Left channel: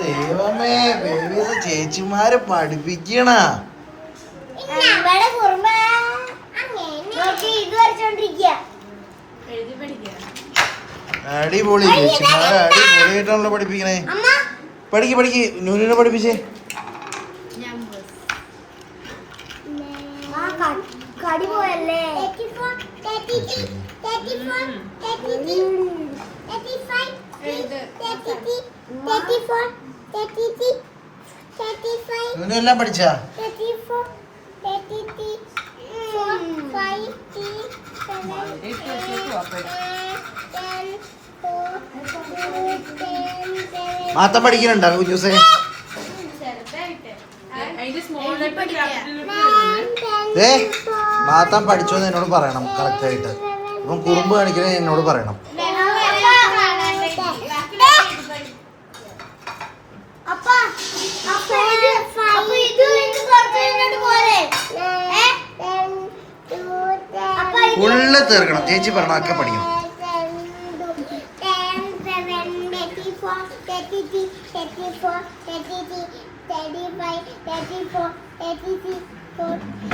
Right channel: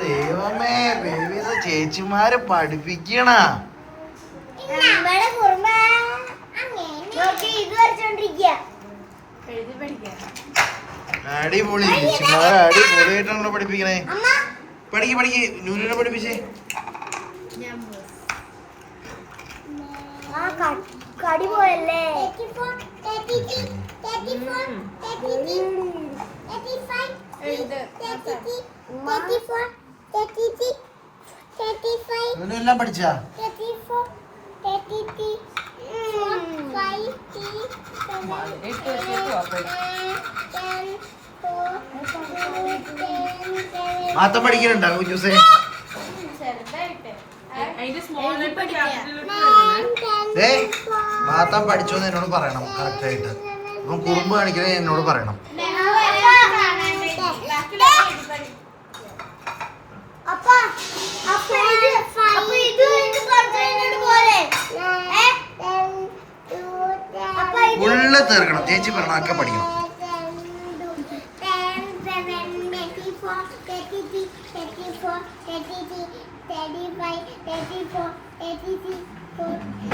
ദൈവമേ ബേബീസ് ചേച്ചിമാര് പഠിപ്പിക്കണ. അടിപൊളി ചേച്ചിമാരെ അടിപൊളിയായിട്ടാണല്ലോ പഠിപ്പിക്കണേ. പഠിക്ക് നൂലിനെ പഠിപ്പിച്ചേ. കടി പോയല്ലേ. എല്ലാം പഠിച്ചാ? മാത്തം പഠിക്കുന്നുണ്ടോ കുഞ്ഞൂസേ? മാത്താൻ പഠിച്ചോന്ന് എന്നോട് പറയണം കറക്റ്റ് ആയിട്ട്. അപ്പം കുറുമ്പ് കാണിക്കണേ എന്നോട് പറയണം. ഫുള്ള് തീർക്കണം. ചേച്ചി പറഞ്ഞ ഒക്കെ പഠിക്കണം. 34, 35, 34, 36.